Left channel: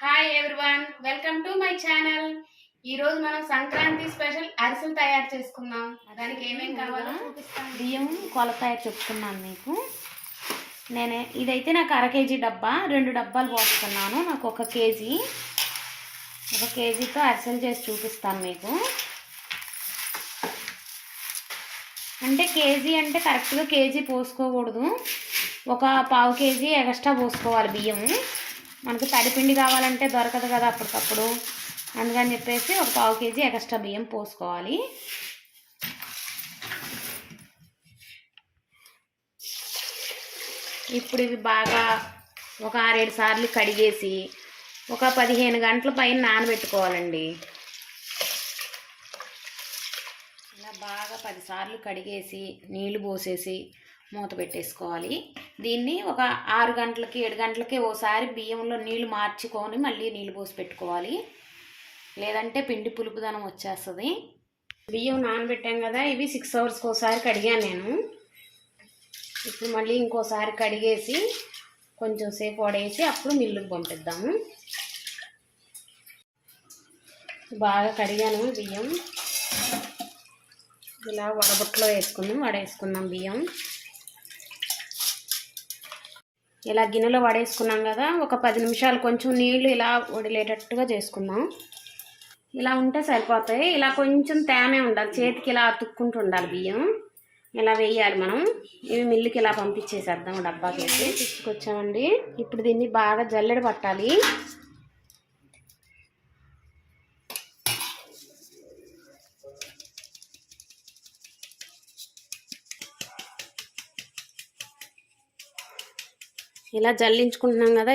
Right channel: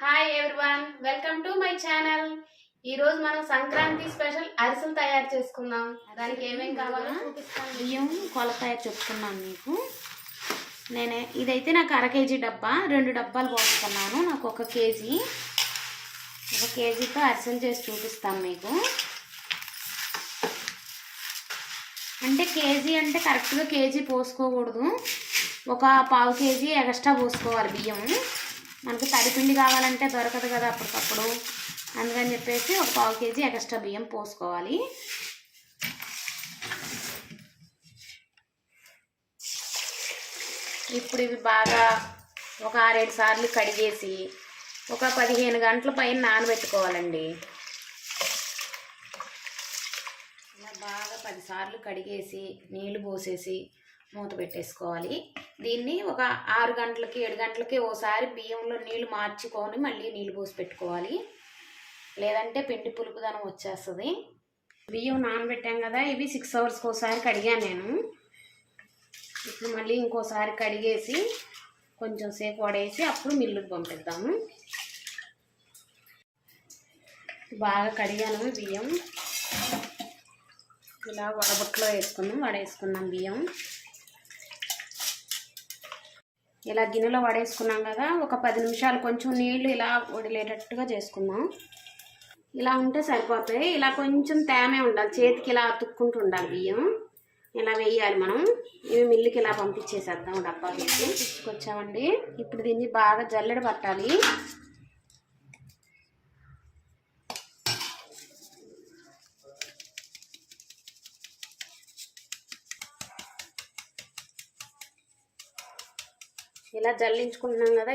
Hi everyone, welcome to my channel. ఈ రోజు మనం సంక్రాంతి స్పెషల్ అరిసెలు తయారు చేసుకుందాం. దానికి ఏమేం కావాలో చూపిస్తాను. బియ్యం కొలత చెప్పుకున్నాను మీకు. ఇదైతే నాకు 1/2 కేజీ డబ్బా, 2 డబ్బాలు పోసుకున్నాను. నాకు 1 కేజీతో అరిసెలు చేసి చూపిస్తాను మీకు. అంటే కేజీ అంటే కరెక్ట్గా కేజీ పోసుకోకూడదు, 1/4 కేజీ ఎక్స్ట్రా పోసుకోవాలి బియ్యం. మనకు తడిపిండి కావాలంటే దొరకదు కదా అప్పటికప్పుడు, అందుకని చెప్పేసి 1/4 కేజీ ఎక్స్ట్రా బియ్యం పోసుకోవాలి. ఇప్పుడు ఇవి బాగా ఒక 6-7 సార్లు కడిగేసి ఒక 15 గంటల పైన నానబెట్టుకోవాలండి. ఇలా బాగా 10 సార్లు కడిగేసి నీళ్లు పోసేసి మూత పెట్టేసుకోవాలి. దీన్ని ఒక 6 గంటలకి 7 గంటలకి ఓసారి బియ్యంలో నీళ్లు మార్చుకొని మళ్ళీ నీళ్ళు పోసి పెట్టుకోవాలి, లేదంటే పిండి పులుపుదనం వచ్చేస్తుంది. బియ్యం నానబెట్టాం కదా, ఇవి 6 అవర్స్కి ఒకసారి కడిగాను నేను. ఇప్పుడు మళ్ళీ ఇంకోసారి కడిగేసి కొంచెం సేపు వడేసి అప్పుడు మిల్లుకి పంపిద్దాము. బాగా కడిగాను బియ్యం. ఇలా వడబుట్టలో వడేసుకుందాం బియ్యం. ఇలా గిన్నెలో వడేసుకున్నాం కదా, ఒక 10 నిమిషాలు కొంచెం నీళ్ళు ఇలా వడిలేటట్టుగా చేసుకుందాం. ఇలా ఉంటే సరిపోతాయి. ఇలా కొంచెం తేమే ఉండాలి, చేతికి ఇలా అతుక్కుంటూ ఉండాలి బియ్యం. ఇలా వేయాలి మనం. ఇవి మిల్లుకి ఇలా పంపించేసేద్దాం డబ్బాకి వేసి. తీసుకొచ్చామండి. ఇప్పుడు దీన్ని బాగా జల్లెడ పట్టాలి. ఇలా జల్లించుకుంటున్నాం కదా,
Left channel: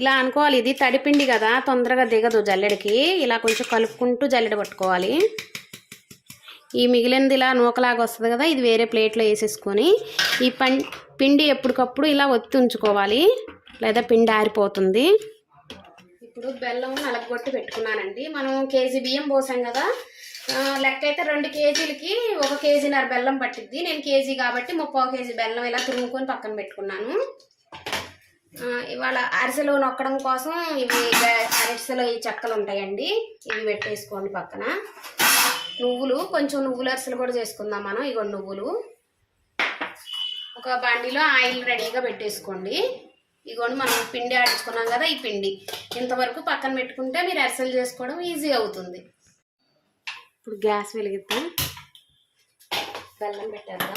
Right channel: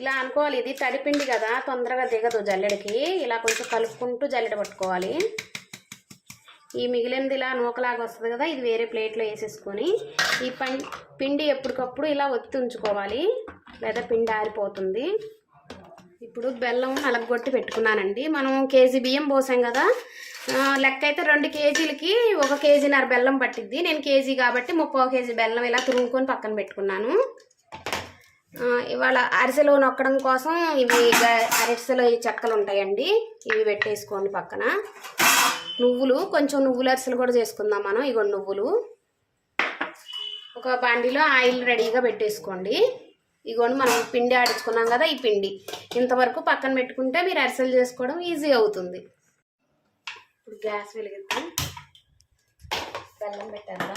ఇలా అనుకోవాలి. ఇది తడిపిండి కదా, తొందరగా దిగదు జల్లెడకి. ఇలా కొంచెం కలుపుకుంటూ జల్లెడ పట్టుకోవాలి. ఈ మిగిలినది ఇలా నూకలాగా వస్తుంది కదా, ఇది వేరే ప్లేట్లో వేసేసుకొని ఈ పిండి ఎప్పటికప్పుడు ఇలా ఒత్తి ఉంచుకోవాలి, లేదా పిండి ఆరిపోతుంది. ఇప్పుడు బెల్లం నలగొట్టి పెట్టుకున్నానండి. మనం కేజీ బియ్యం పోసాం కదా, లెక్క అయితే 2 కేజీలకి 1 కేజీన్నర బెల్లం పట్టిద్ది. నేను కేజీ కాబట్టి 3/4 కేజీ బెల్లం ఇలా తురుముకొని పక్కన పెట్టుకున్నాను. ఇవాళ అరిసెలు నొక్కడం కోసం ఇవి అరిసెలు ఈ చెక్కలు ఉంటాయండి, ఇవి పెట్టేసుకోండి పక్కన. నువ్వులు, కొంచెం నువ్వుల అరిసెలు కూడా చేసుకుందాం మనం. ఇగో నువ్వులు ఒక బాండీలో ఆయిల్ రెడీగా పెట్టేసుకోండి. ఇగోండి మనం పిండి ఆడించుకున్నాం కదా, ఈ పిండి ఇంతవరకు పక్కన పెట్టుకుంటే మీరు అరిసెలు చేసుకోవడం ఈజీ అవుతుంది. ఇప్పుడు గ్యాస్ వెలిగిద్దాం, బెల్లం పెట్టేద్దాం.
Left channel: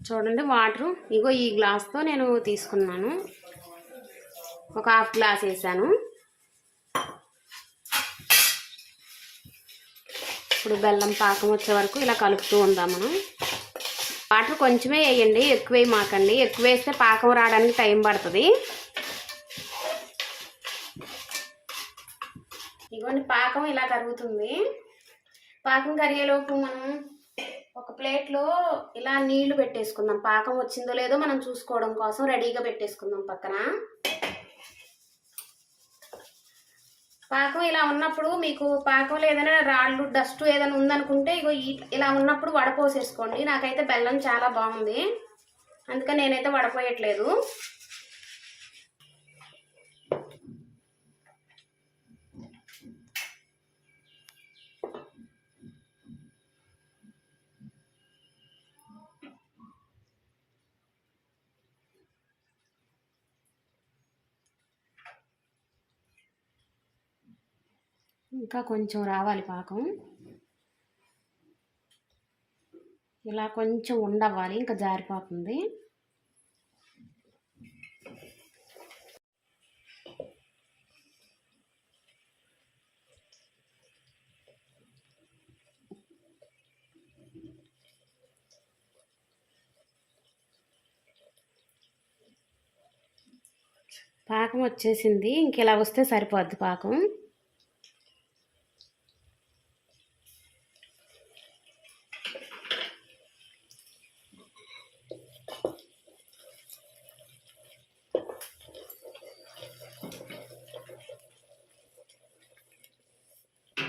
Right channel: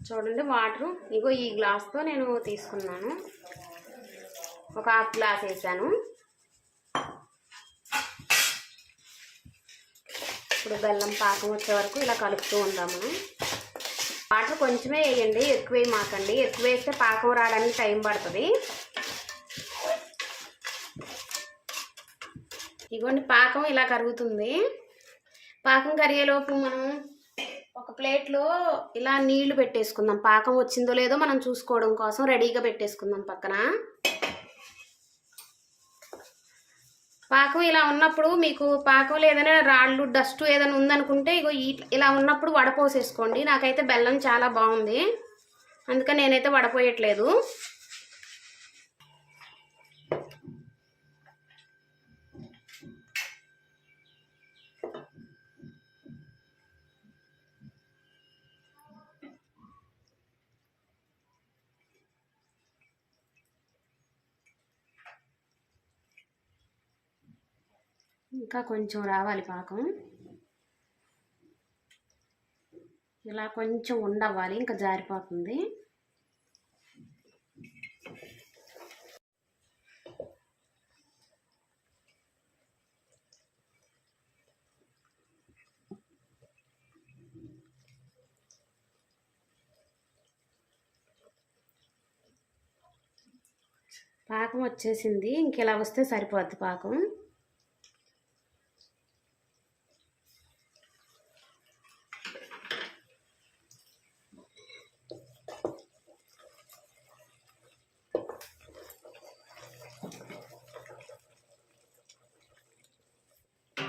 చూడండి వాటరు ఇగో ఈ గ్లాస్తో నేను తీసుకున్నాను, ఒక 1/2 గ్లాస్ వేసాను. ఇప్పుడు బెల్లం పాకం వచ్చే వరకు ఇలా కలుపుతూ ఉందాం మనం. వాటర్ కొంచెమే వేయండి, ఎక్కువ వేయమాకండి. ఎక్కువ వేస్తే పాకం రావడానికి టైం పడుతుంది. ఇగోండి పాకం ఇలా కరుగుతుంది. పాకం కరిగేలోపు మనం ఒక ప్లేట్లో ఇలా నీళ్లు పెట్టేసుకుందాం. పాకం వచ్చిందో లేదో మనం చూసుకోవడం కోసం రెడీగా పెట్టేసుకుందాం పక్కన. పాకం ఇలా ఉన్నప్పుడు మీకు పాకంలో ఏదైనా రాళ్ళు డస్ట్ ఏదైనా ఉందనుకుంటే ఇగో ఇలా ఉన్నప్పుడు వడపోసేసుకోండి. నాకైతే బెల్లం చాలా బాగుంది, అందుకని నేనైతే వడపోయట్లేదు. ఇంకా కొంచెం రావాలి పాకం, ఇలా కొంచెం ఉండవ్వాలి, ఇంకా జారిపోతుంది. పాకం వచ్చేసింది, ఇంక ఇలా వస్తే సరిపోద్ది పాకం.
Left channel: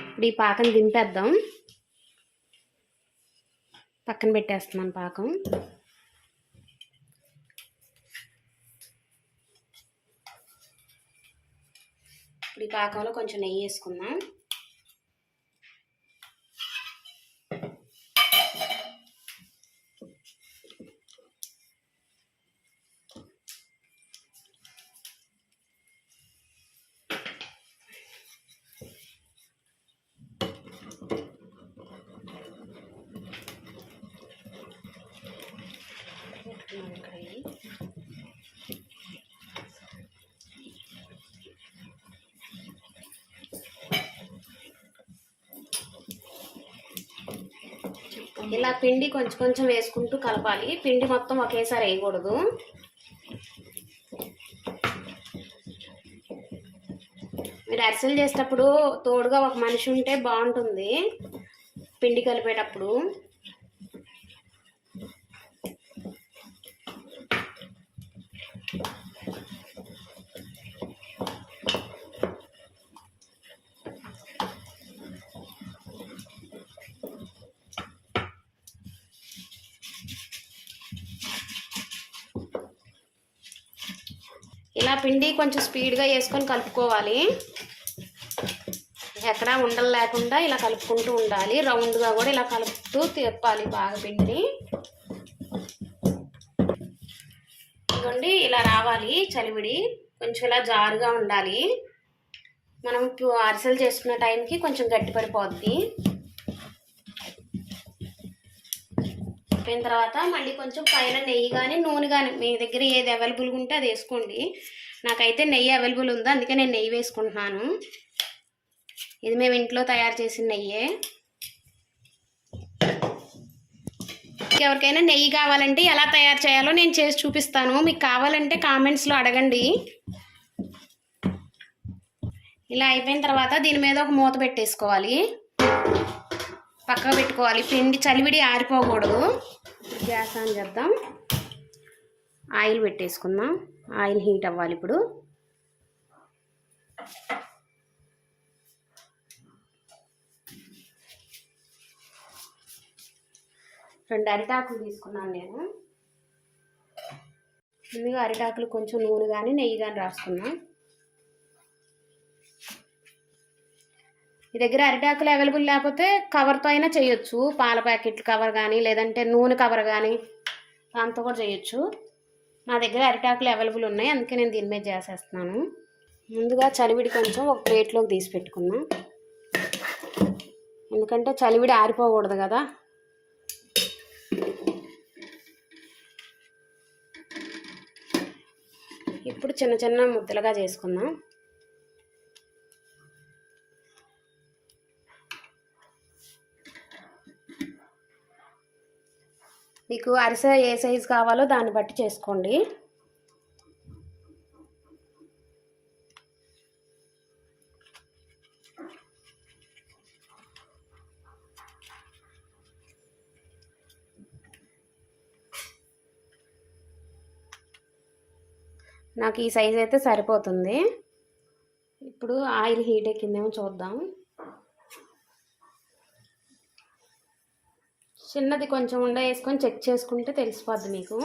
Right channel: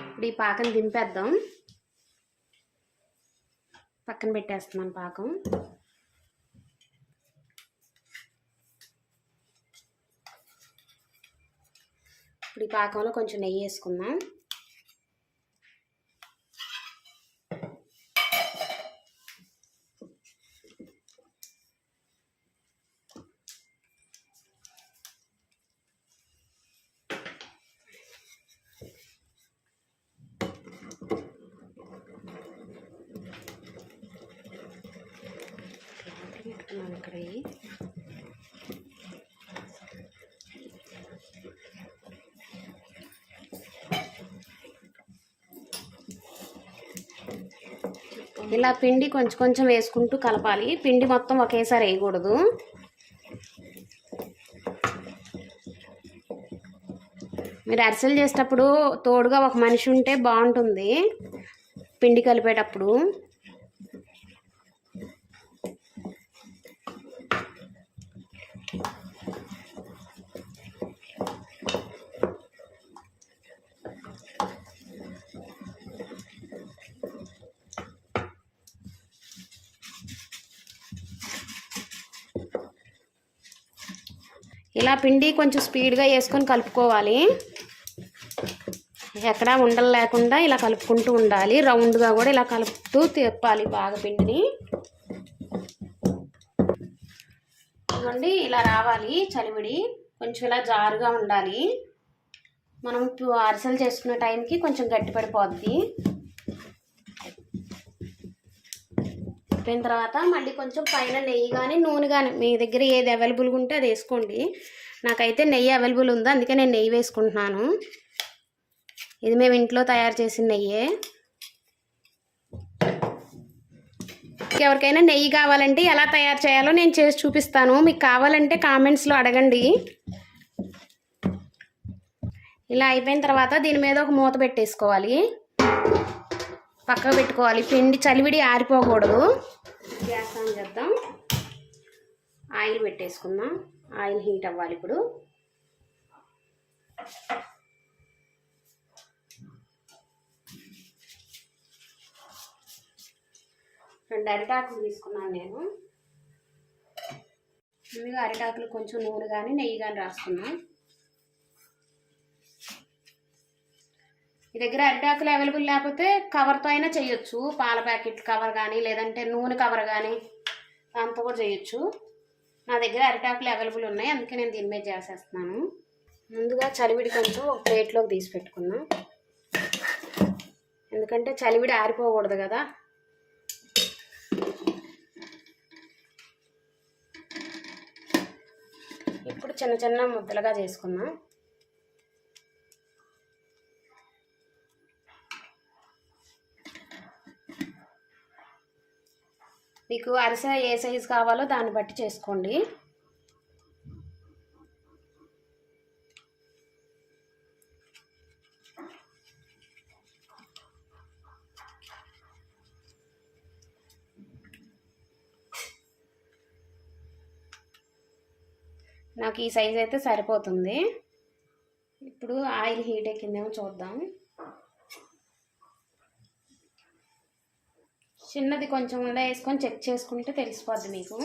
ఇప్పుడు ఈ పాకం దింపేద్దాం, పక్కన పెట్టేస్తున్నాను పాకం. ఇప్పుడు ఈ పాకంలో కొంచెం నెయ్యి వేసుకుందాం. ఇక్కడ ఇలా పిండి కొంచెం కొంచెం వేసుకుంటూ కలపాలి. పిండి మొత్తం ఒకేసారి వేయకూడదు. మీరు అరిసెలు చేసేటప్పుడు తోడుగా ఒక మనిషి ఉంటే బాగుంటుంది పిండి కలిపేటప్పుడు. ఇలా పిండి కొంచెం స్పీడ్గా వేసుకొని కలుపుకోవాలి. ఎక్కడా ఉండలు లేకుండా ఇలా కలుపుకుంటూ ఉండాలి. రౌండ్గా కూడా ఇలా కలుపుతూ తిప్పాలి బాగా పిండిని. ఇదిగోండి ఇలా రావాలి చలివిడి. కొంచెం ఇలా జారుగా ఉండాలి. మనం అరిసెలు చేసుకునే టైంకి కొంచెం గట్టి పడిపోద్ది. అయిపోయిన తర్వాత మళ్ళీ కొంచెం పైన నెయ్యి కానీ నూనె కానీ మీ దగ్గర ఏది అవైలబుల్గా ఉంటే అది వేసుకోండి. నాకైతే నెయ్యి అవైలబుల్ ఉంది, అందుకే నేను నెయ్యి వేసుకుంటున్నాను. ఇది మేము ఇంట్లో తయారు చేసిన నెయ్యే. ఎవరికైనా నెయ్యి కావాలంటే ఎలా తయారు చేయాలో నేను చేసి చూపిస్తాను. మీకు కావాలంటే కామెంట్స్లో అడగండి. ఇలా అయిపోయిన తర్వాత దీని మీద ఒక మూత పెట్టేసుకోవాలి. పక్కన పెట్టుకోవాలి. పిండి చలివిడి ఆరిపోకూడదు. గ్యాస్ ఆన్ చేద్దాం. ఆయిల్ పెట్టేసుకుందాం. ఆయిల్ హీట్ అవ్వాలి. ఇప్పుడు రెండు అరిటాకులు తీసుకున్నాను నేను. ముందుగా అరిటాకులు కొంచెం నూనె కానీ నెయ్యి కానీ రాసుకున్నాం. మీ దగ్గర అరిటాకులు అవైలబుల్ లేకపోతే కవర్తో అయినా చేయొచ్చు. పాల ప్యాకెట్ కవర్ కానీ లేదంటే నూనె కవర్ కానీ దాంతో కూడా చేయొచ్చు. నా దగ్గర అరిటాకులు అవైలబుల్ ఉన్నాయి, అందుకే నేను దీని మీద చేసేస్తున్నాను. ముందుగా చలివిడి కొంచెం ఒక ప్లేట్లోకి తీసి పెట్టుకున్నాం. ఎందుకంటే చలివిడి ఆరిపోకూడదు కదా. ఇప్పుడు చిన్న చిన్న ముద్దలుగా చేసుకుందాం. మీకు అరిసె ఏ సైజు కావాలో దాన్ని బట్టి చేసుకోండి. నాకు ఈ సైజు అయితే సరిపోతుంది. ఇప్పుడు ఆయిల్ హీట్ ఎక్కిందేమో చూద్దాం. చిన్నది కొంచెం ఉండ వేసుకొని చెక్ చేసుకుంటే తెలిసిపోద్ది మీకు.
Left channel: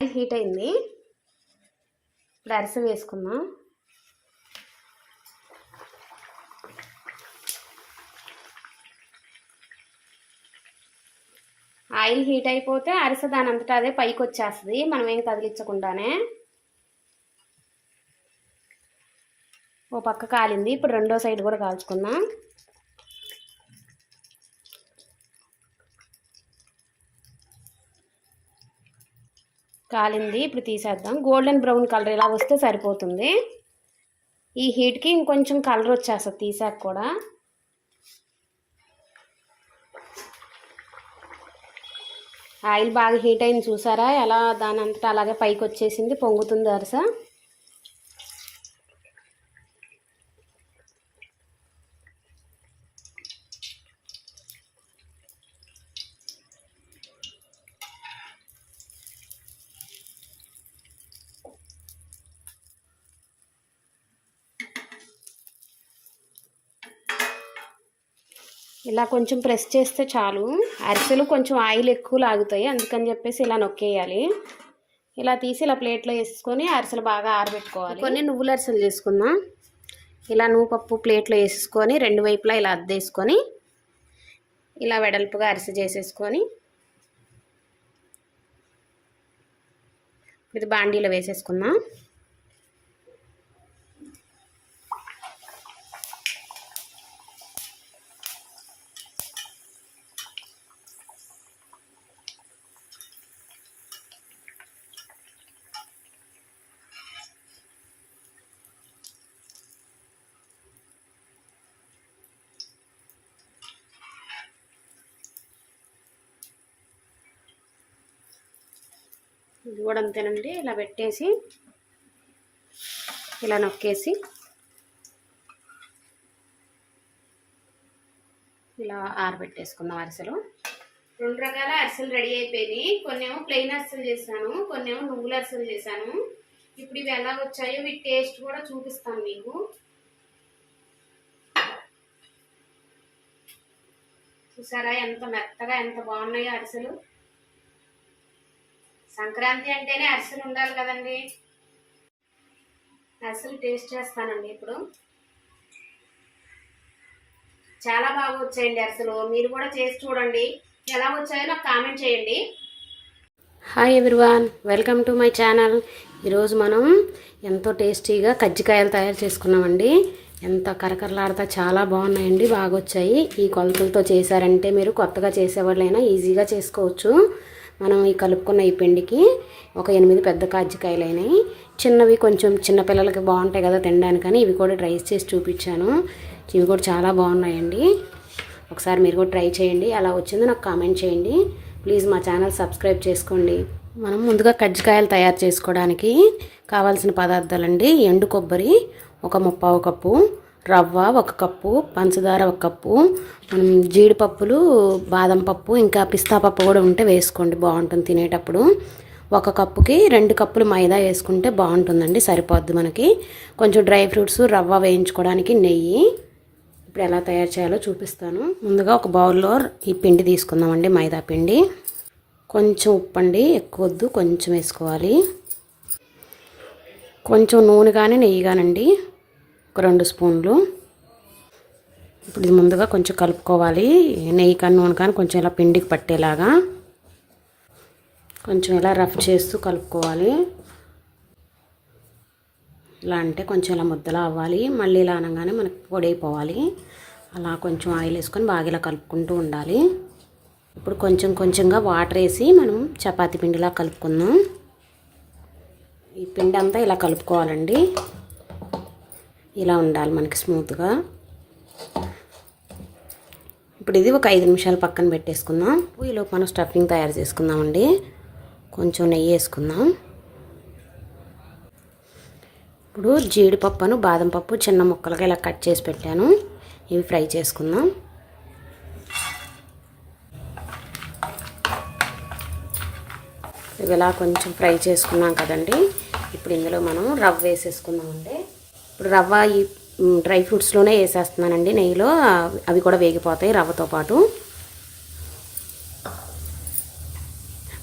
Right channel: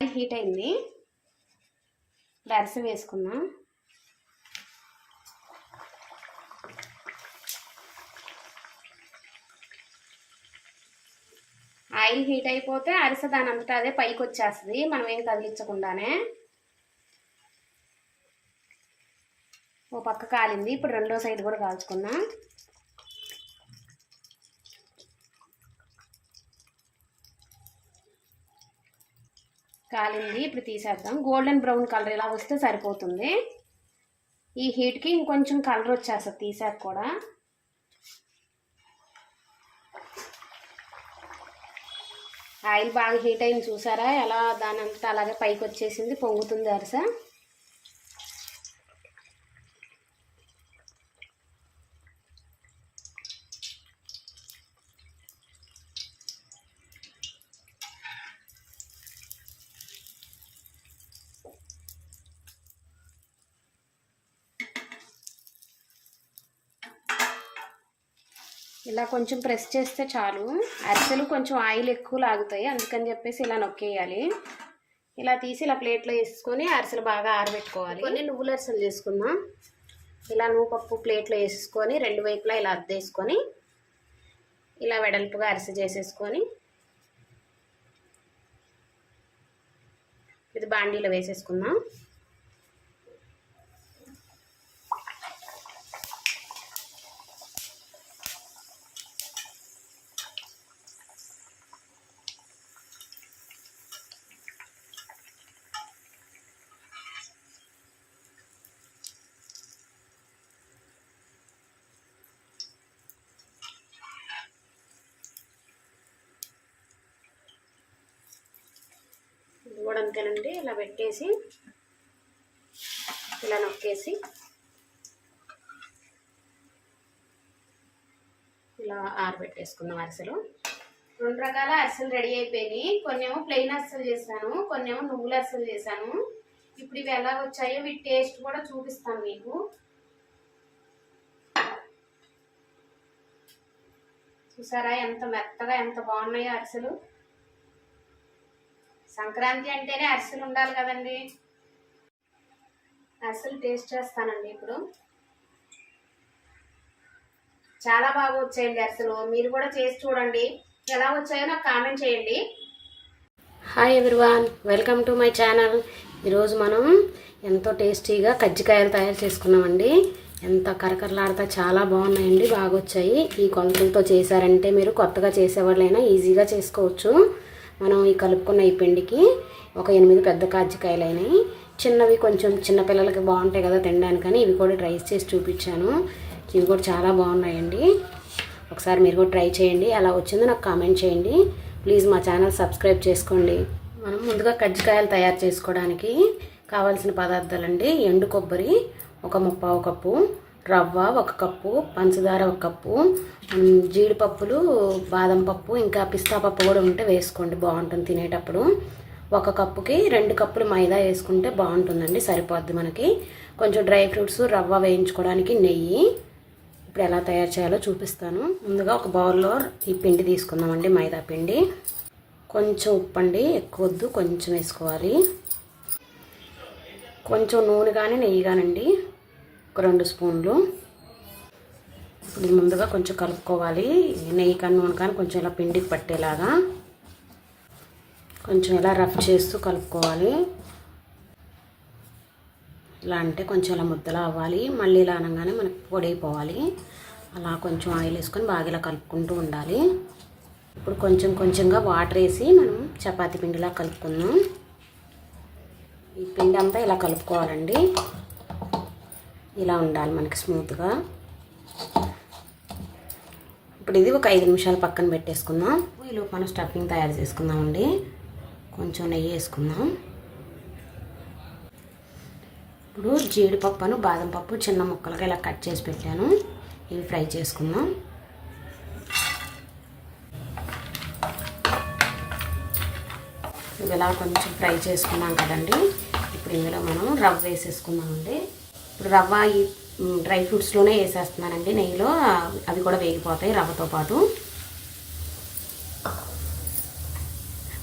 ఆయిల్ హీట్ అయింది. ఇప్పుడు అరిసె వేసుకుందాం. ఆయిల్ హీట్ అయిపోతే అరిసె దాని అంతటా అదే పైకి వచ్చేస్తుంది, మనం ఏం కదిలించకుండానే. ఓ పక్క కాలింది. ఇప్పుడు రెండో సైడ్ కూడా కాల్చుకుందాం. కాలింది. ఇప్పుడు తీసేద్దాం. గోల్డెన్ బ్రౌన్ కలర్ ఇలా వస్తే సరిపోతుంది. ఈ హీట్కి ఇంకొంచెం కలర్ వచ్చేస్తుంది తీసాక కూడా. ఆయిల్ బాగా హీట్ అయింది చూసారా, ఎలా దాని అంతటా అలాగే పైకి వచ్చేసింది, పొంగుతుంది అరిసె. ఇలా కొంచెం ప్రెస్ చేస్తే చాలు. అరిసెలు కొంచెం ఆయిల్ ఎక్కువ లాగుతాయి, అందుకని చెప్పేసి ఇలా నొక్కేయాలి. ఇలా తీసి ఇలా ప్లేట్లో వేసుకొని అరిసెలు బాగా ఆరబెట్టుకోవాలి. కొన్ని నువ్వుల అరిసెలు చేసుకుందాం. ఇలా నువ్వుపప్పు ప్లేట్లో వేసేసుకొని రెండు వైపులా ఇలా అద్దేసుకొని ఇలా వెడల్పుగా అరిసె చేసేసుకొని ఇది బాండీలో వేసేసుకుందాం. ఇది కూడా అంతేనండి. ఇలా పెట్టేసి ఇలా నొక్కేసి ఇలా ఆరబెట్టేసుకుందాం అరిసెలు. రెండు రకాల అరిసెలు రెడీ అయిపోయినాయి. కొన్నేమో ప్లెయిన్ అరిసెలు చేశాను, కొన్నేమో నువ్వుల అరిసెలు చేశాను. ఇప్పుడు ఇవి ఎలా వచ్చాయో వీటి టేస్ట్ కూడా చూపిస్తాను మీకు. చూసారా ఎంత మెత్తగా ఎంత బాగున్నాయో అరిసెలు. సంక్రాంతి అంటేనే అరిసెలు ఉండాలి కదండి. అరిసెలు టేస్ట్ చేస్తానండి ఇప్పుడు. చాలా బాగా వచ్చాయండి అరిసెలు. మీరు కూడా చేసి చూడండి, ఎలా వచ్చాయో నాకు కామెంట్ చేయండి. Hi everyone, welcome to my channel. ఈరోజు మనం ఎంతో టేస్టీగా కజ్జికాయలు తయారు చేసుకున్నామండి. ఎంత కరకరలాడుతా చాలా బాగున్నాయండి, బాగా వచ్చాయి. ఈ కొలతలతో చేశారంటే మీరు కొత్తగా చేసేవాళ్ళైనా ఈజీగా చేసుకోవచ్చు. మనం ఈ కలుపుకున్న ఈ పిండికి ఒక 8 పెద్ద కజ్జికాయలు అయినాయి. చిన్నవి కొంచెం చిన్నపిల్లలకి బాగుంటాయి కదా తినడానికని ఇవి కూడా ట్రై చేసి చూపించాను. ఇవి కూడా చాలా బాగున్నాయండి. ఒకసారి మీరు కూడా ట్రై చేయండి, ఎలా వచ్చిందో నాకు కామెంట్ చేయండి. ప్లీజ్ మా ఛానల్ సబ్స్క్రైబ్ చేసుకోండి. మనం ముందుగా కజ్జికాయలు తయారు చేసుకోవడానికి కావాల్సిన పదార్థాలండి: ఎండు కొబ్బరి ఒక 1/4 కప్పు, రవ్వ 1 కప్పు, పంచదార 1 కప్పు, జీడిపప్పులు, బాదం పప్పు, ఇంకా పిస్తా పప్పు కూడా ఉంటే వేసుకోండి, బాగుంటుంది తినేటప్పుడు. 1 కప్పుకి 2 కప్పులు మైదా వేసుకుంటే బాగుంటుందండి, సరిపోద్ది మనకి. కొంచెం డ్రై ఫ్రూట్స్, రవ్వ వేయించుకోవడానికి నెయ్యి. ఇప్పుడు ఎలా తయారు చేయాలో చూపిస్తాను. ముందుగా ఒక బౌల్లో ఈ పిండి తీసుకుందామండి, మైదా పిండి. కొంచెం ఉప్పు అండి, ఎక్కువ వద్దు, కొంచెం వేసుకోవాలి. కొంచెం నూనె కానీ నెయ్యి కానండి, ఒక 2 స్పూన్లు. ఇది ముందుగా కొంచెం కలుపుకోవాలి. నెయ్యి కానీ నూనె కానీ కొంచెం ఇలా పిండికి పట్టేలాగా కొంచెం ఇలా రఫ్ చేస్తూ కలుపుకోవాలి. ఇలా అంటే కొంచెం ఇలా ముద్దలా అవ్వాలి. మళ్ళీ ఇలా అనగానే మనకు పొడి అయిపోవాలి. అలా కొంచెం ఆయిల్ వేసుకొని బాగా ఇలా కలుపుకుంటూ ఉండాలి. ఇప్పుడు కొంచెం కొంచెంగా వాటర్ వేసి మనం చపాతీ పిండిలా కలుపుకుందాం. ఈ పిండి అంతా ఇలా కలుపుకోవాలండి. ఇలా ఉండాలి మనకి స్మూత్గా. ఇప్పుడు ఇది ఒక 5 నిమిషాలు పక్కన పెట్టేసుకుందాం. ఈలోపు మనం స్టఫింగ్ తయారు చేసుకుందామండి. కొంచెం నెయ్యి వేసుకుందాం. ఇప్పుడు జీడిపప్పును బాదం పప్పు చిన్న ముక్కలుగా ఇలా కట్ చేసి పెట్టాను, ఇవి ఫ్రై చేసుకుందాం. ఇవి ఇలా కొంచెం ఫ్రై చేసుకున్నాం కదండి. ఇప్పుడు ఇందులో మనం రవ్వ వేసేసుకుందామండి. ఇప్పుడు రవ్వ ఈ డ్రై ఫ్రూట్స్లోనే వేసేస్తున్నానండి నెయ్యిలో, అవి కూడా వేగిపోతాయి రవ్వతో పాటు.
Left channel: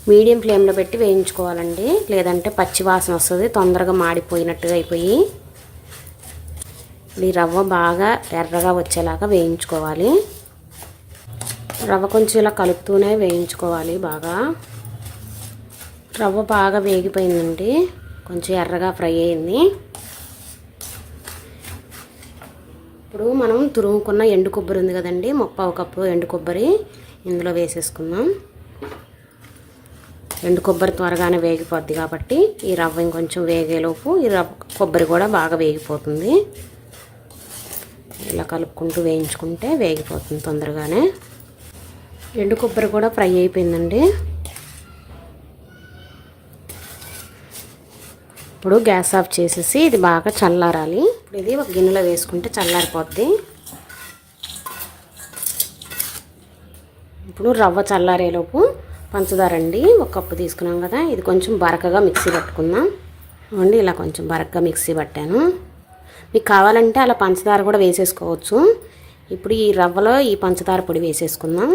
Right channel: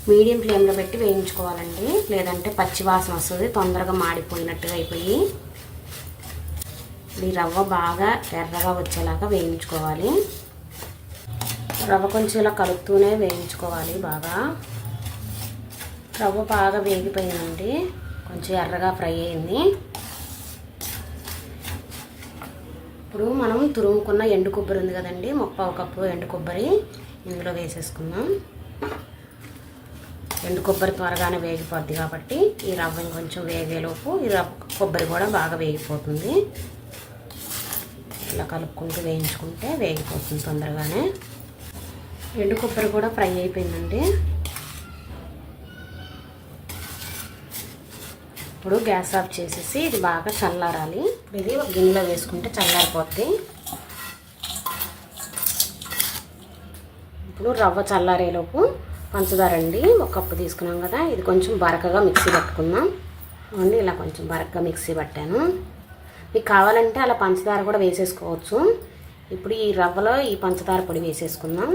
మీడియం ఫ్లేమ్లో పెట్టి వేయించుకోవాలండి, లేదంటే పచ్చి వాసన వస్తుంది, తొందరగా మాడిపోయినట్టుగా అయిపోయి. ఈ రవ్వ బాగా ఎర్రగా వచ్చేలాగా వేయించుకోవాలి. రవ్వ కొంచెం ఇలా కలుపుతూనే వేయించుకోవాలి బాగా. రవ్వ బాగా వేగిపోయిందండి, కొంచెం ఎర్రగా ఫ్రై అయింది. ఇప్పుడు మనం తురుముకున్న ఎండు కొబ్బరి ఉంది కదండి, 1/4 కప్పు ఎండు కొబ్బరి ఇందులో వేసేసుకుందాం. ఎండు కొబ్బరి త్వరగానే వేగిపోద్ది కాబట్టి ఈ రవ్వ ఇంకొంచెం వేగేలోపు ఈ కొబ్బరి కూడా బాగా వేగిపోతుంది. ఇలా కలుపుకుంటూ వేయించుకుంటే వేగిపోతుంది తొందరగానే. ఎండు కొబ్బరి కూడా ఫ్రై అయిపోయిందండి. ఇప్పుడు గ్యాస్ ఆఫ్ చేసేసి ఇది బాగా చల్లారాలి. ఇది ఒక గిన్నెలో వేసుకుంటే చల్లారిపోద్ది. ఇప్పుడు రవ్వ చల్లారేలోపు పంచదార అండి 1 కప్పు తీసుకున్నాం కదా, ఇది కొంచెం బరకగా మిక్సీ పట్టుకుందాం అండి. ఇలా కొంచెం బరకగా మిక్సీ పట్టాను. మీకు కావాలంటే అలా పంచదార కూడా వేసేసుకోవచ్చు. ఇప్పుడు ఈ రవ్వలో ఈ పంచదార పొడి వేసేసుకుందాం.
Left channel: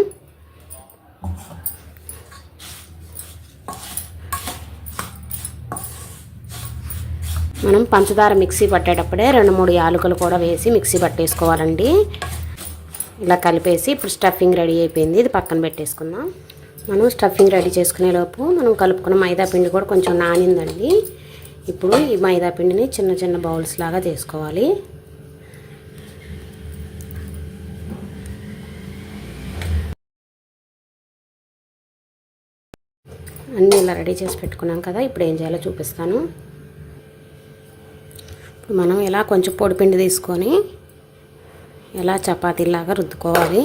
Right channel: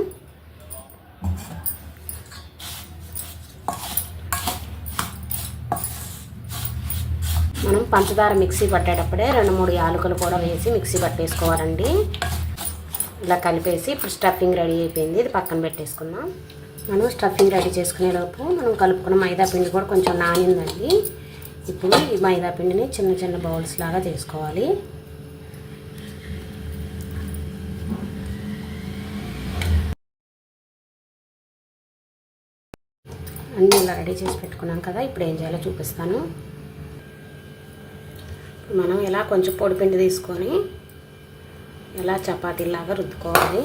మనం పంచదార మిక్సీ పట్టేటప్పుడే 2-3 యాలకులు కూడా వేసి మిక్సీ పట్టేసుకోవాలండి. ఇలా కలిపేసి ఇప్పుడు స్టఫింగ్ రెడీ అయిపోయింది. ఇది పక్కన పెట్టేసుకుందాం. మనం స్టఫింగ్ రెడీ చేసుకునేలోపు మనం కలుపుకున్న మైదా పిండి కూడా కొంచెం నానిందండి. ఇప్పుడు ఈ మైదా పిండిని చిన్న చిన్న బౌల్స్ లాగా చేసుకోవాలి. అన్నీ ఇలా రెడీ చేసి పెట్టుకున్నాం కదా. ఇప్పుడు ఏం చేయాలో చూపిస్తాను. మనం ఇలా కొంచెం పొడిపిండి తీసుకొని ఇలా చపాతీలాగా రుద్దుకోవాలి.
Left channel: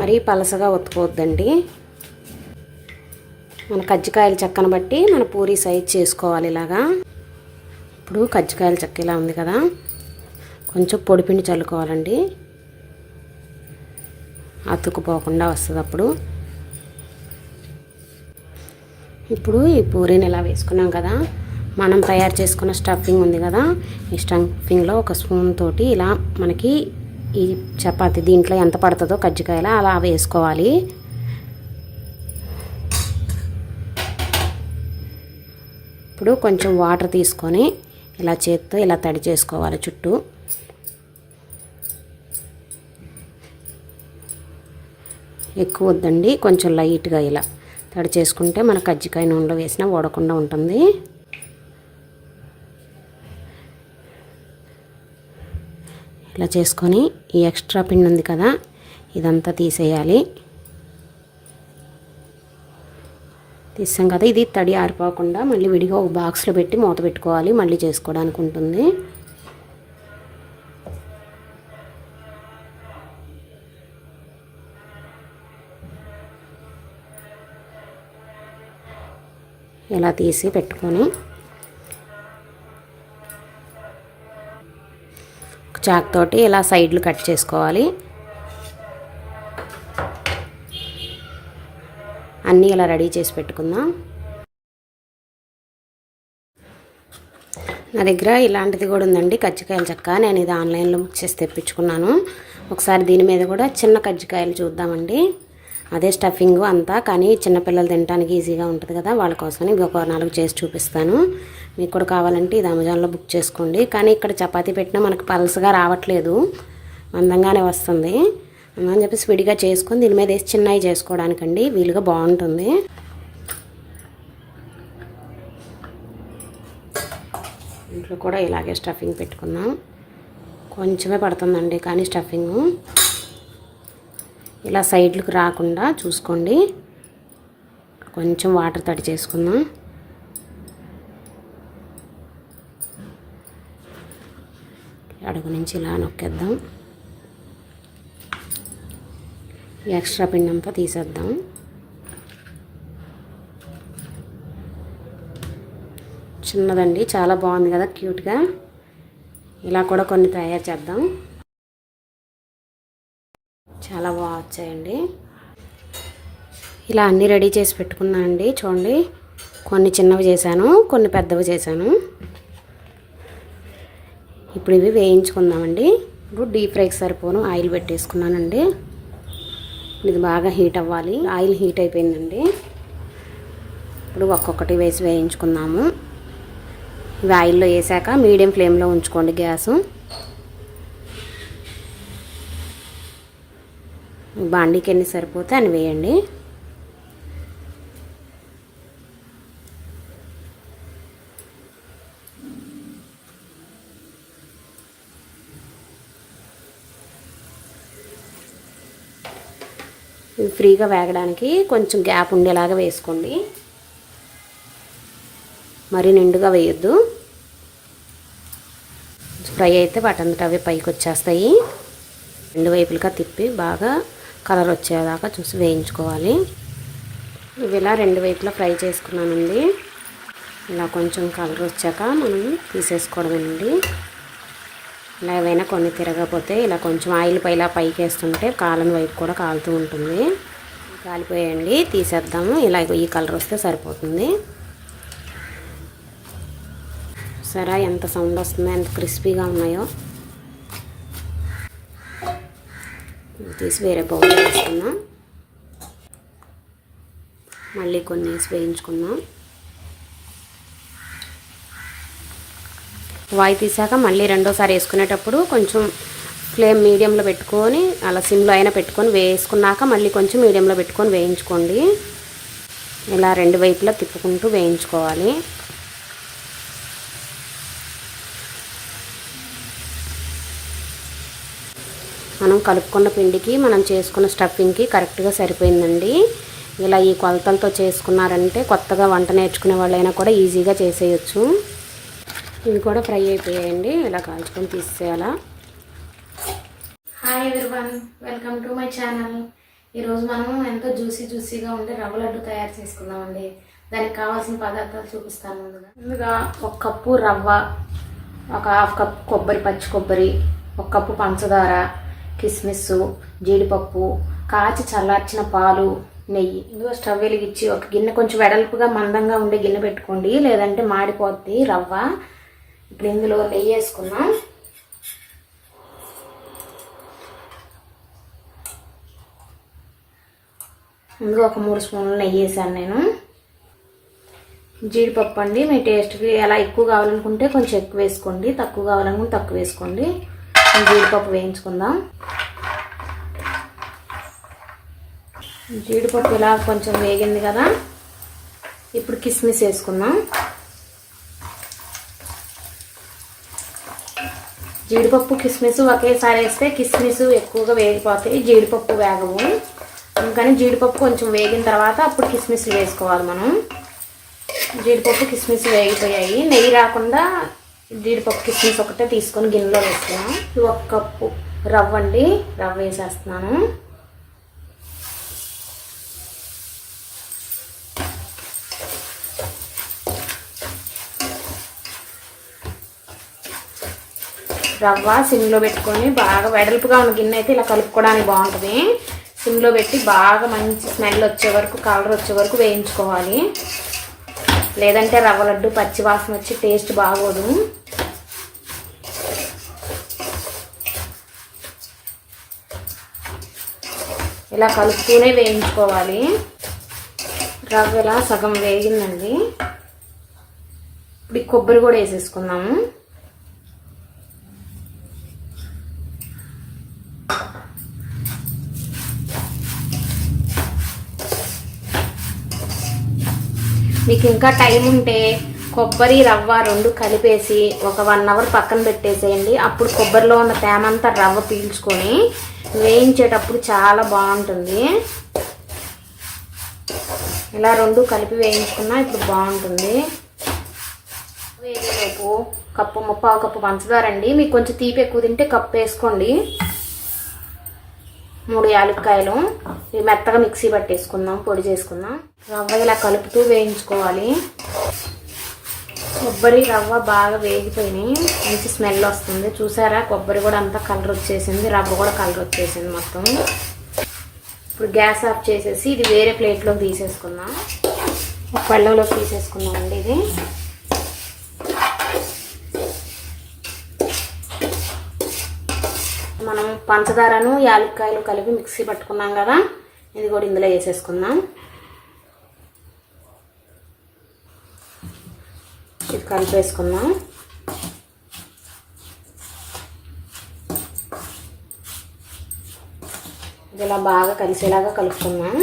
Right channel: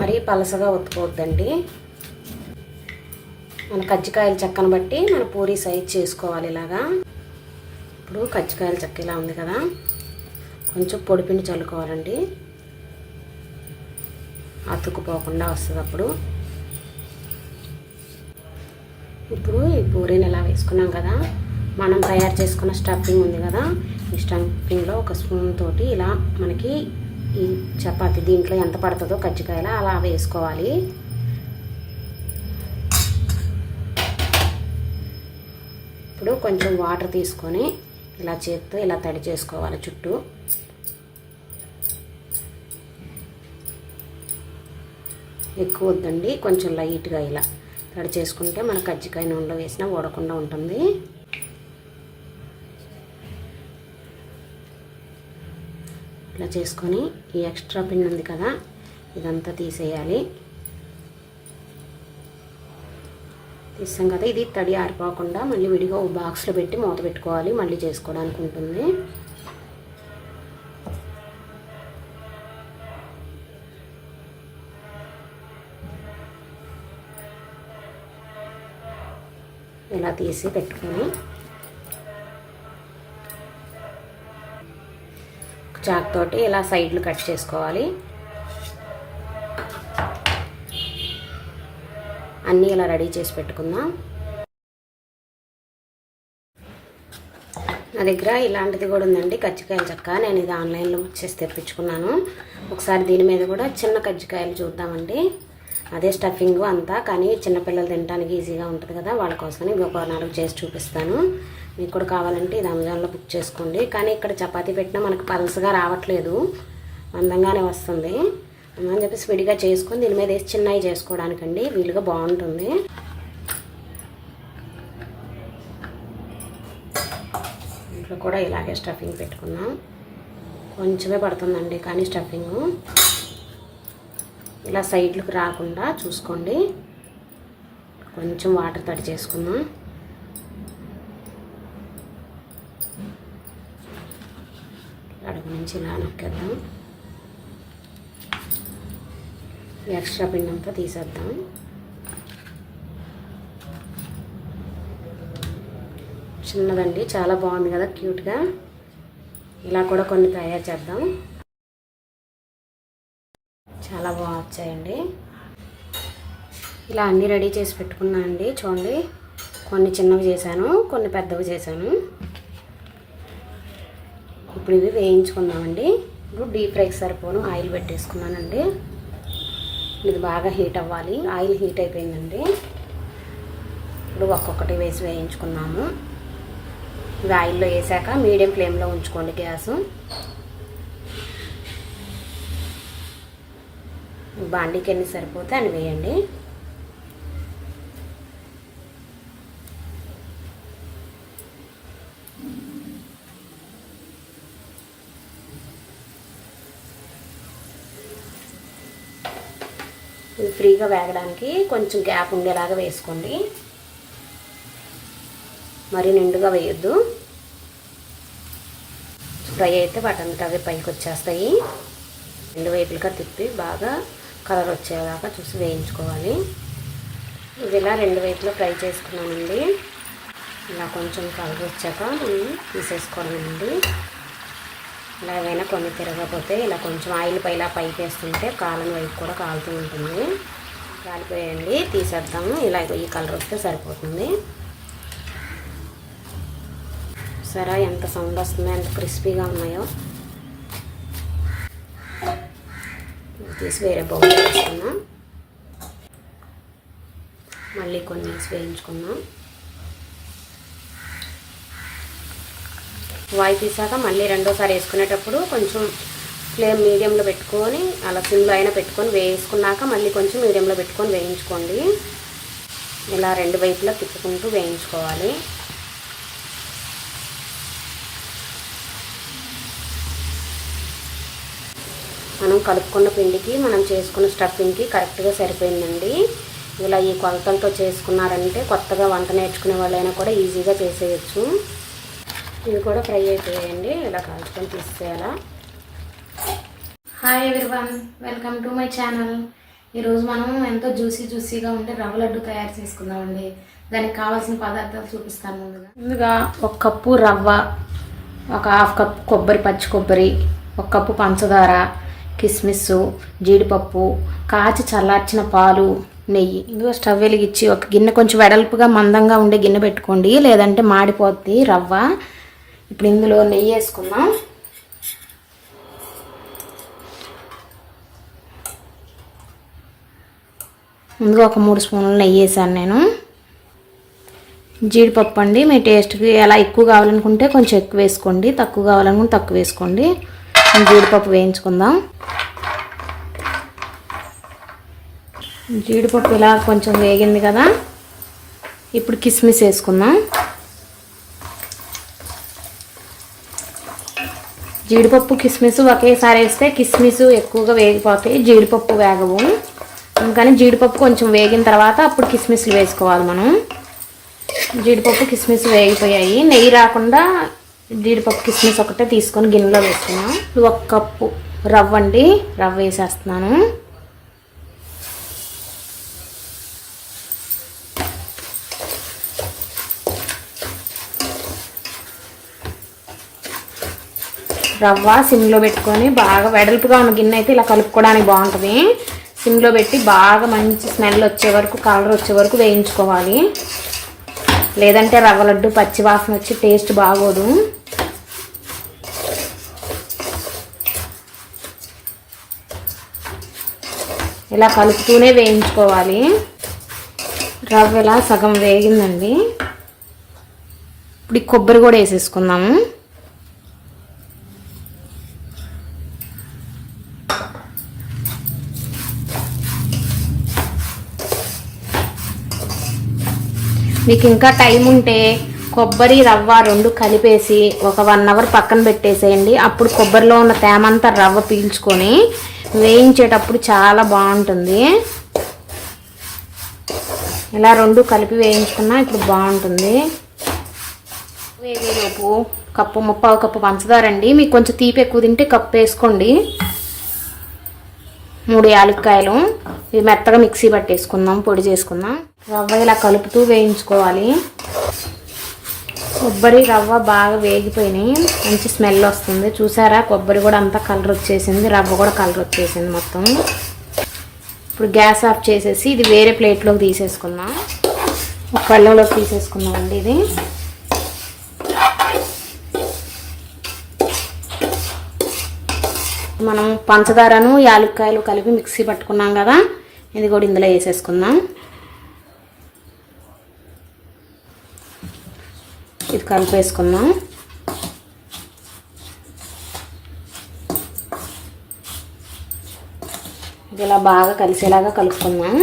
మరీ పలసగా ఒత్తుకోవద్దండి. మన కజ్జికాయల చెక్కను బట్టి మన పూరీ సైజ్ చేసుకోవాలి. ఇలాగా ఇప్పుడు కజ్జికాయల చెక్క ఇలా ఉంది కదా, కొంచెం పొడిపిండి చల్లుకోవాలండి. అతుక్కుపోకుండా వస్తుంది అప్పుడు. ఇప్పుడు ఈ పూరీని ఇలా వేసుకున్నాం కదా, మనం తయారు చేసుకున్న స్టఫింగ్ ఉంది కదా, ఈ స్టఫింగ్లో ఒక స్పూన్ తోటి ఇలా మనకి ఈ చపాతీ దీంట్లో ఎంత పడుతుందో కజ్జికాయలు అలా వేసుకోవాలి. ఇప్పుడు కొంచెం వాటర్ తీసుకొని ఇలా చేత్తో ఇలా తడి చేసుకోవాలి చుట్టూ. ఎక్కువ వద్దండి, కొంచెం లైట్గా ఇలా తడి చేసుకుంటే మన కజ్జికాయ నూనెలో వేసినా ఓడకుండా ఉంటుంది. ఇలా చేసుకొని ఈ ఎక్స్ట్రా పిండి ఉంది కదా, ఇదంతా తీసేయాలి. తీసాం కదా, ఇది తడి ఆరిపోకుండా మళ్ళీ విడిగా ఒక బాక్స్లో పెట్టి మూత పెట్టుకోవాలి. మళ్ళీ చేసుకోవడానికి ఉంటుంది. ఇలా తీసి పెట్టుకొని చాక్ తోటి ఇలా సైడ్లు కట్ చేసుకోవాలి. అన్నీ ఇలా రెడీ చేసి పెట్టుకుందాం. నా దగ్గర ఇలాంటిది కూడా ఉందండి, కజ్జికాయల చెక్క. నేను ఇది ఆన్లైన్లో బుక్ చేసి తెప్పించుకున్నాను. ఒకసారి దీని మీద కూడా చిన్న కజ్జికాయలు చూద్దామండి. అదే స్టఫింగ్ అంతా, కానీ చిన్నపిల్లలు తినడానికి ఈజీగా ఉంటుంది కదా, వాళ్ళ కోసమని ఇంకొక 4 చేసి చూపిస్తాను. మీకు కూడా కావాలంటే ఇది అమెజాన్లో బుక్ చేసుకోండి. కానీ ఇక్కడ చపాతీ పెట్టినా మనకు పల్సగా రావట్లేదు, మందంగానే వస్తుంది. అని చెప్పేసి విడిగా చేసుకొని దీని మీద వేసి చిన్నవి చేసుకోవడానికండి వీలుగా బాగుంటుంది. ఇంట్లో కూడా ఇలాగే స్టఫింగ్ పెట్టుకుందాం. కొంచెమే పడుతుందండి కానీ స్టఫింగ్ ఇలా సైడ్లకు రాకుండా చూసుకోండి. కొంచెం వాటర్ తడి చేసుకుందాం. అడుగు నుంచి ఇలా నొక్కేద్దాం. ఎక్స్ట్రా పిండి అంతా తీసేద్దాం. చిన్నదండి, చాలా బాగుంది కదా క్యూట్గా. ఇలా కూడా కొన్ని తయారు చేద్దాం. చాలా బాగా వచ్చాయండి. ఇలా అన్నీ రెడీ చేసి పెట్టుకున్నాను అండి. చూడండి, కొన్ని చిన్నవి చేశాను, కొన్ని పెద్దవి చేశాను. ఇప్పుడు ఇవి వేయించుకుందామండి. ఇప్పుడు డీప్ ఫ్రైకి సరిపోను ఆయిల్ పెట్టేసుకున్నానండి. ఇది బాగా హీట్ అవ్వాలి. ఆయిల్ హీట్ అయిపోయిందండి. ఇప్పుడు ఒక్కొక్కటి వేసి వేయించుకుందాము. ఇవి ఆయిల్లో వేసాక మీడియం ఫ్లేమ్లో ఉంచుకోండి గ్యాసు. బాండీకి ఎన్ని సరిపోతే అని వేయండి. ఇవి ఫ్రీగా వేగడానికి కొంచెం గ్యాప్ ఉండేలాగా వేసుకోండి, మరి నిండుగా వేయొద్దు. ఫ్రై అయితే వాటంతట అవే పైకి వచ్చేస్తాయి. 2 వైపులుగా తిప్పి బాగా కలర్ వచ్చేలాగా చూసి వేయించుకోవాలి. ఇవి ఇలా 2 వైపులా ఫ్రై చేసుకున్నానండి. ఇలా కొంచెం కలర్ వచ్చాక మనం తీసేసుకోవడమేనండి. ఇలా ఏవైనా కొన్ని తిరగకపోతే ఇలా కొంచెం ఆయిల్ ఇలా పైకి వేస్తుంటే కాలని వైపు కూడా కాలుతూ ఉంటుంది. కాలిపోయండి, తీసేద్దాము. ఇలా ఈ కలర్ వస్తే సరిపోతుంది. సరే ఎంత సౌండ్ వస్తుందో, ఎంత క్రిస్పీగా ఉన్నాయో. తీసి వేరే బౌల్ వేసుకున్నాం. మళ్ళీ కొన్ని వేసి వేయించుకున్నాం. వాయి తీసాక మళ్ళీ రెండోసారి వేసుకునేటప్పుడు కొంచెం ఫ్లేమ్ మీడియంలో పెట్టుకొని అలా సిమ్లో అయినా పెట్టుకొని వేసుకున్నాక మళ్ళీ కొంచెం మీడియంలో పెట్టుకొని వేయించుకోండి. ఇలా రెండు వైపులా తిప్పుకుంటూ వేయించుకోవాలి. మనం కలుపుకున్న పిండికి మనం చేసుకున్న స్టఫింగ్కి కరెక్ట్గా సరిపోయిందండి. ఇలా ఈ కొలతలతో చేసుకున్నారంటే కొత్తగా వంట నేర్చుకునే వాళ్ళైనా కూడా ఈజీగా చేసేయచ్చు. ఇవి కూడా ఫ్రై అయిపోయాయండి. ఇలా కాల్చుకొని తీసేయాలా. Hi everyone, welcome to my channel. ఈరోజు మనం ఎంతో జ్యూసీగా ఉండే రవ్వ లడ్డు తయారు చేసుకుందామండి. దానికి కావాల్సిన పదార్థాలు చూపిస్తాను. ముందుగా 1 కప్పు రవ్వ, 1/2 కప్పు కొబ్బరి, పచ్చి కొబ్బరి, 1 కప్పు పంచదార, కిస్మిస్, జీడిపప్పు, కాచి చల్లార్చిన పాలు, నెయ్యి. ఇందులో స్టవ్ వెలిగించి ఒక గిన్నె కొంచెం వెడల్పుగా మందంగా ఉండే గిన్నె పెట్టుకోండి, లేదంటే మాడిపోద్ది రవ్వ. ఇప్పుడు ఇందులో నెయ్యి వేసుకుందాం. ముందుగా ఒక 3 స్పూన్లు నెయ్యి వేసాను నేను. జీడిపప్పు అండి, మీ టేస్ట్కి ఎలా ఎక్కువ కావాలనుకుంటే కొంచెం ఎక్కువ వేసుకోండి, తక్కువ కావాలనుకుంటే తక్కువ వేసుకోండి. జీడిపప్పు వేయించుకుందాం. జీడిపప్పు ఇలా కొంచెం వేగింది కదా, ఇప్పుడు కిస్మిస్ వేసుకుందాం. జీడిపప్పు కిస్మిస్ ఒకేసారి వేస్తే కిస్మిస్ ఎక్కువగా వేగిపోతాయి, జీడిపప్పు వేగవు. అందుకని జీడిపప్పు కొంచెం వేగిన తర్వాత అప్పుడు కిస్మిస్లు వేసుకోవాలి మనం. జీడిపప్పు కిస్మిస్ వేగిపోయాయి. నెయ్యి రాకుండా జీడిపప్పు కిస్మిస్ ఒకటే తీసుకొని గిన్నెలో వేసుకున్నాం. 1 కప్పు రవ్వ అండి, రవ్వ వేసేస్తున్నాను. రవ్వ సిమ్లో పెట్టుకొని బాగా వెడల్పుగా ఉన్న గిన్నె అయితే ఇలా కలుపుకోవడానికి బాగుంటుంది. సిమ్లో పెట్టి బాగా మంచి స్మెల్ వచ్చే వరకు, కలర్ వచ్చే వరకు వేయించుకోవాలి. లేదంటే రవ్వ లడ్డు పచ్చి వాసన వచ్చి టేస్ట్ బాగోదు. ఇలా కలుపుతూనే వేయించుకోవాలి. రవ్వ ఇలా సగం వేగిందండి. ఇప్పుడు కొబ్బరి కూడా వేసేసుకుందాము. మీకు ఇంకా టైం ఉంటే కొబ్బరి రవ్వ 2 కలిపేసి ఒక 1 అవర్ పక్కన పెట్టేసేయండి. అప్పుడు కొబ్బరిలో ఉన్న తేమంతా రవ్వ పీల్చుకొని వేయించేటప్పుడు చాలా బాగుంటుంది. ఇలా 2 కలిపి వేయించుకున్నా ఇప్పుడు బాగుంటుంది. వేగేలోపు కప్పు 1/2 కప్పు పంచదార అండి. మీకు కొంచెం తీపి ఎక్కువ తింటే కప్పు వేసుకోండి. 3 యాలక్కాయలు, ఇవి మెత్తగా మిక్సీ పట్టేసుకుందాం, పొడి చేసుకుందాం. రవ్వ ఇలా కలుపుతూ వేయించుకోవాలి. కొబ్బరి రవ్వ బాగా వేగిపోయినాయి, మంచి స్మెల్ వస్తుంది. చూసారా, కొబ్బరి కూడా అంతా కలర్ వచ్చేసింది, రవ్వ కూడా కలర్ వచ్చేసింది మొత్తం. ఇప్పుడు గ్యాస్ ఆఫ్ చేసేసి ఇది వేరే ప్లేట్లోకి తీసేసుకుందాం. ఒక కళ్ళలోకి తీసేసుకుందాం అండి. ఇది మనం పంచదారను యాలక్కాయలు కలిపి మిక్సీ పట్టుకున్నాం కదా, ఇది కూడా ఇందులో వేసేసుకుందాం. ఇది కలిపేసుకుందాం. ఇది ఇలా బాగా కలిసేలాగా కలుపుకుందాం.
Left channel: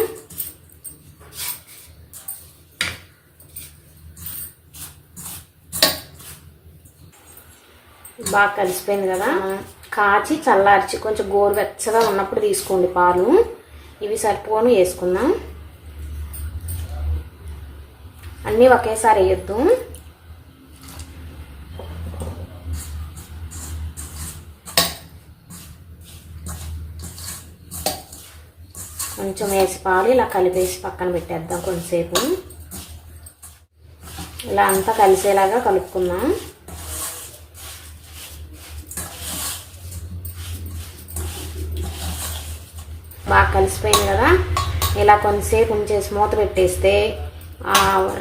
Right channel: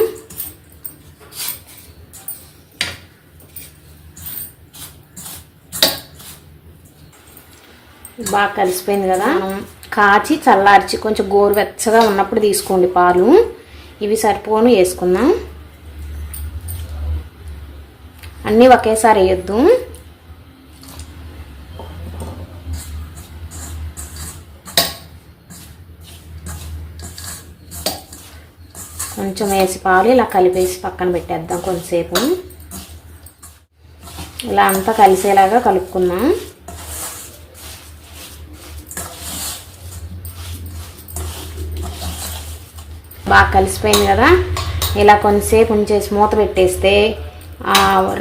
బాగా కలిసిపోయింది కదా. కాచి చల్లార్చి కొంచెం గోరువెచ్చగా ఉన్నప్పుడు తీసుకోండి పాలు. ఇవి సరిపోను వేసుకుందాం. అన్నీ ఒకేసారి వేయొద్దు. కొంచెం వేసి పాలు ఇలా కలిపేసి పక్కన పెట్టేద్దాం కొంచెంసేపు. ఇలా అంతా కలిసేలాగా కలుపుకుందాం. బాగా కలిసిపోయింది కదా. ఇలా కొంచెంసేపు ఉంచేసి మూత పెట్టేస్తే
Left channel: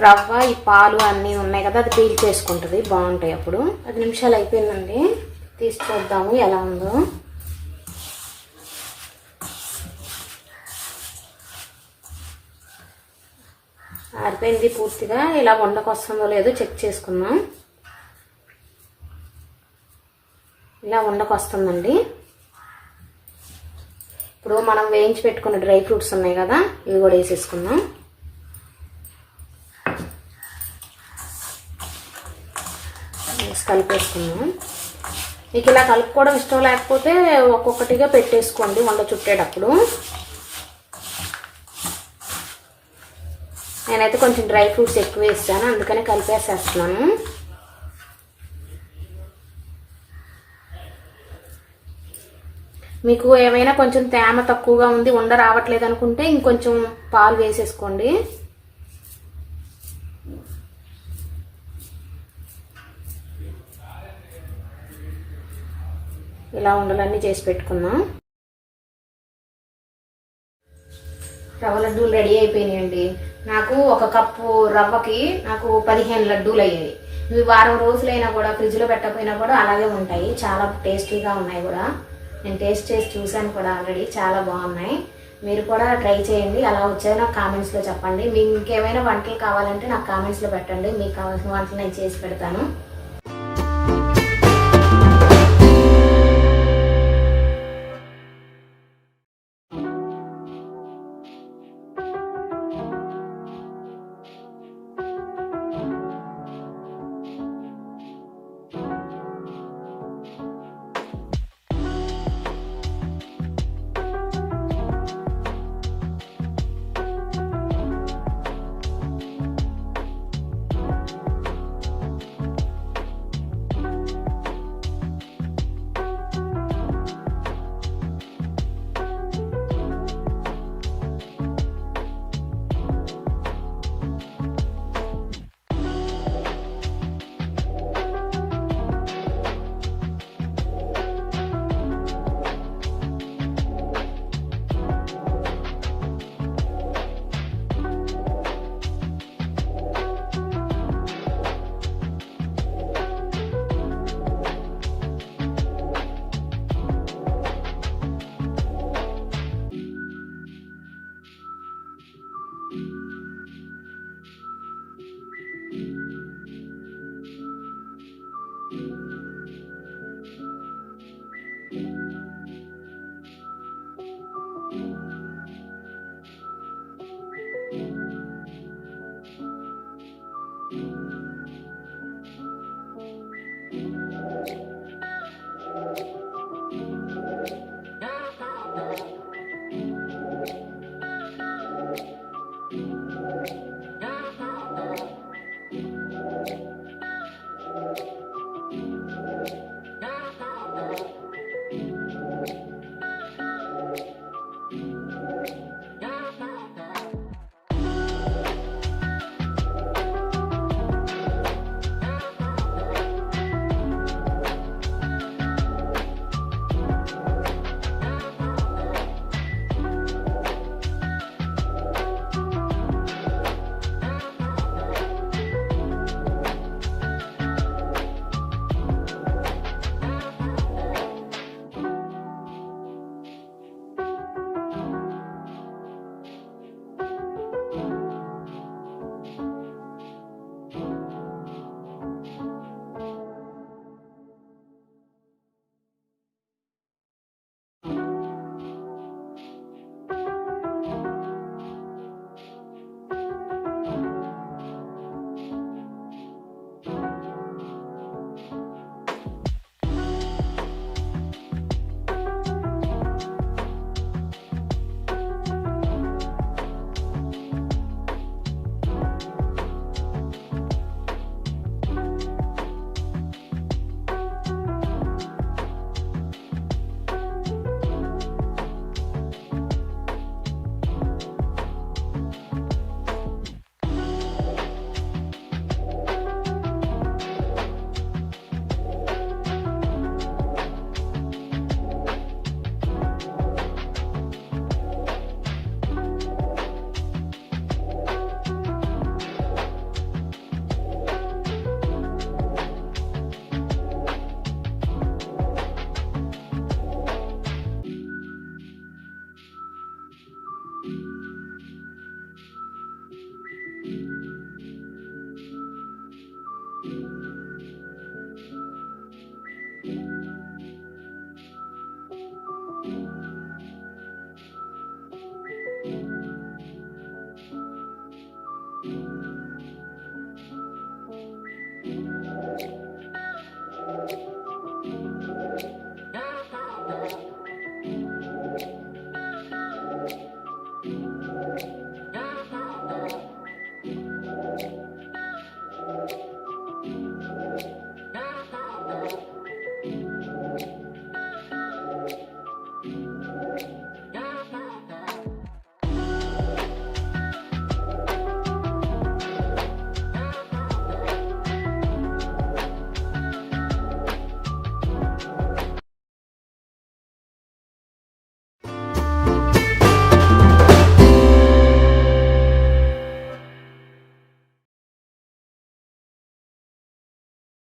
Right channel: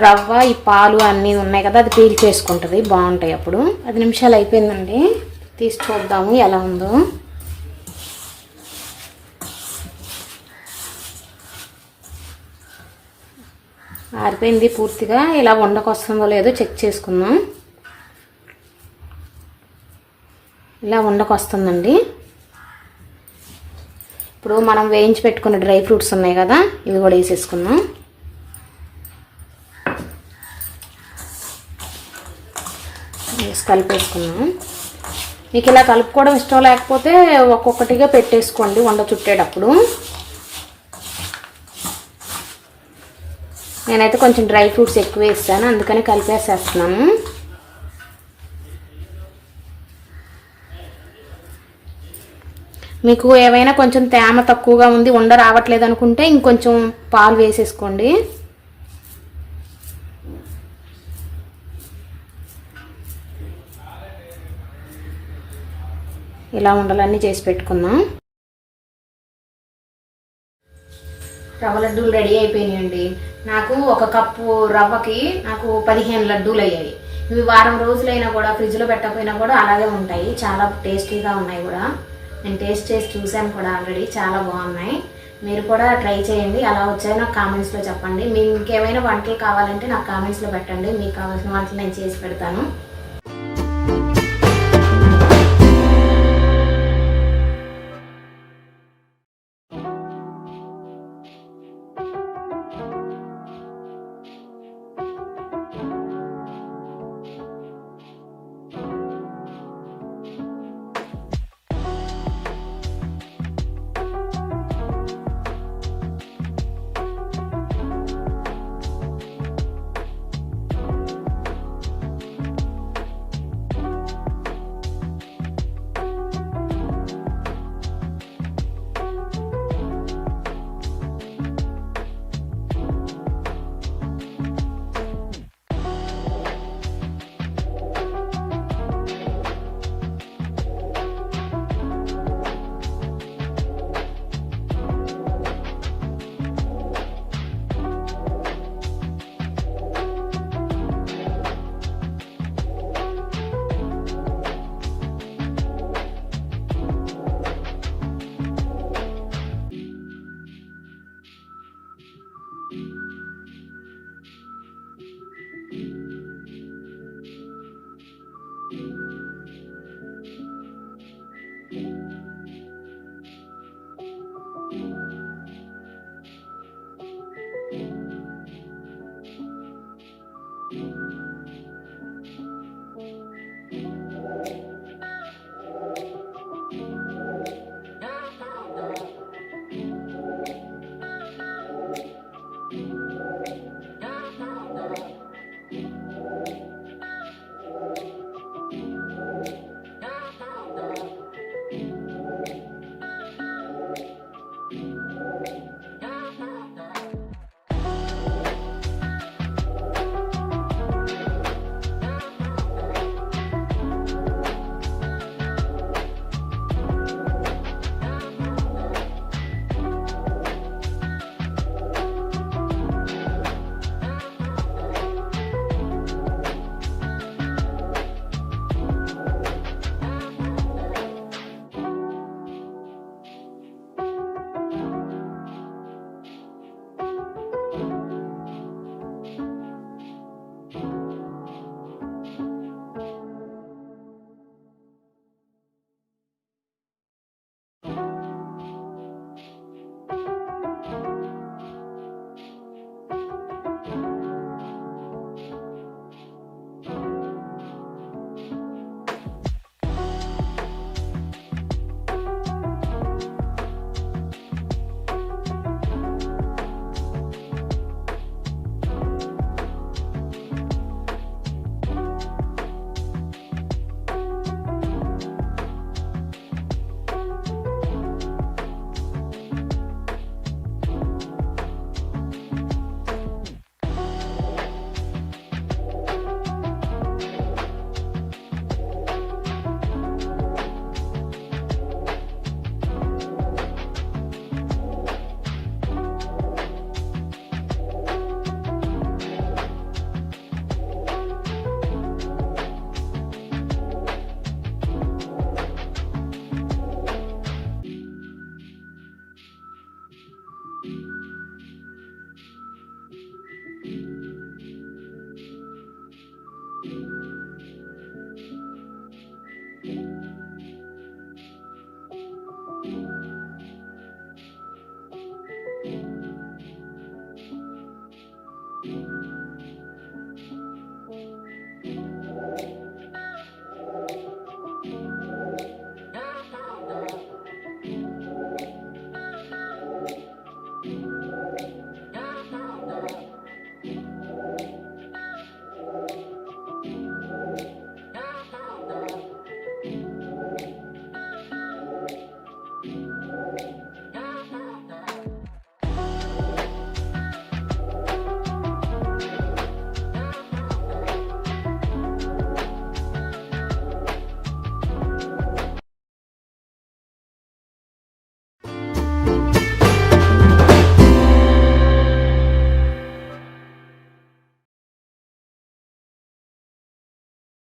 రవ్వ ఈ పాలు అన్నీ ఉన్నాయి కదా, అది పీల్చేసుకుంటుంది, బాగుంటాయి. అప్పుడు 10 నిమిషాలు అయిపోయిందండి, తీసి చూద్దాము ఎలా ఉందో. అయిపోయింది పూర్తిగా. ఇలా ఉండకొస్తుందో లేదో చెక్ చేసుకుందాం. ఇలా ఉండకొస్తుందండి. ఇప్పుడు మనం వేయించి పెట్టుకున్న డ్రై ఫ్రూట్స్ ఉన్నాయి కదా, ఇవి కూడా వేసేసుకుందాం. కలిపేసుకున్నాం. మీకు ఇలా కలుపుకోవడం ఇష్టం లేకపోతే ఒక్కొక్కటిగా పెట్టేసుకోండి వండ చుట్టేటప్పుడు. నేనైతే కొంచెం డ్రై ఫ్రూట్స్ ఎక్కువ వేస్తాను, అందుకని కలిపేసేస్తున్నాను. మీకు ఏవైనా కొంచెం తేమ తక్కువగా ఉంది, ఉండ రావట్లేదు అనుకుంటే ఇంకొంచెం పాలు వేసేసుకోండి. ఇలా ఉండలన్నీ చేసి పెట్టుకుందాం. రవ్వ లడ్డూలు రెడీ అయిపోయినాయండి. నాకు 1 కప్పు రవ్వకి నాకు 15 లడ్డూలు అయ్యాయి. ఇవి వారం రోజులైనా కూడా ఫ్రిడ్జ్లో పెట్టకపోయినా కూడా అలాగే ఉంటాయి. చాలా టేస్టీగా ఉన్నాయి కూడా. నేను టేస్ట్ చేసి చూశాను కూడా ఆల్రెడీ, చాలా బాగున్నాయి. మీరు కూడా ట్రై చేయండి. అలా వచ్చాయో నాకు కామెంట్స్లో చెప్పండి. మీకు ఇంకేమైనా వంటలు కావాలంటే నాకు కామెంట్స్లో పెట్టండి. మీకు కావాల్సిన వంటలు నేను చేసి పెడతాను.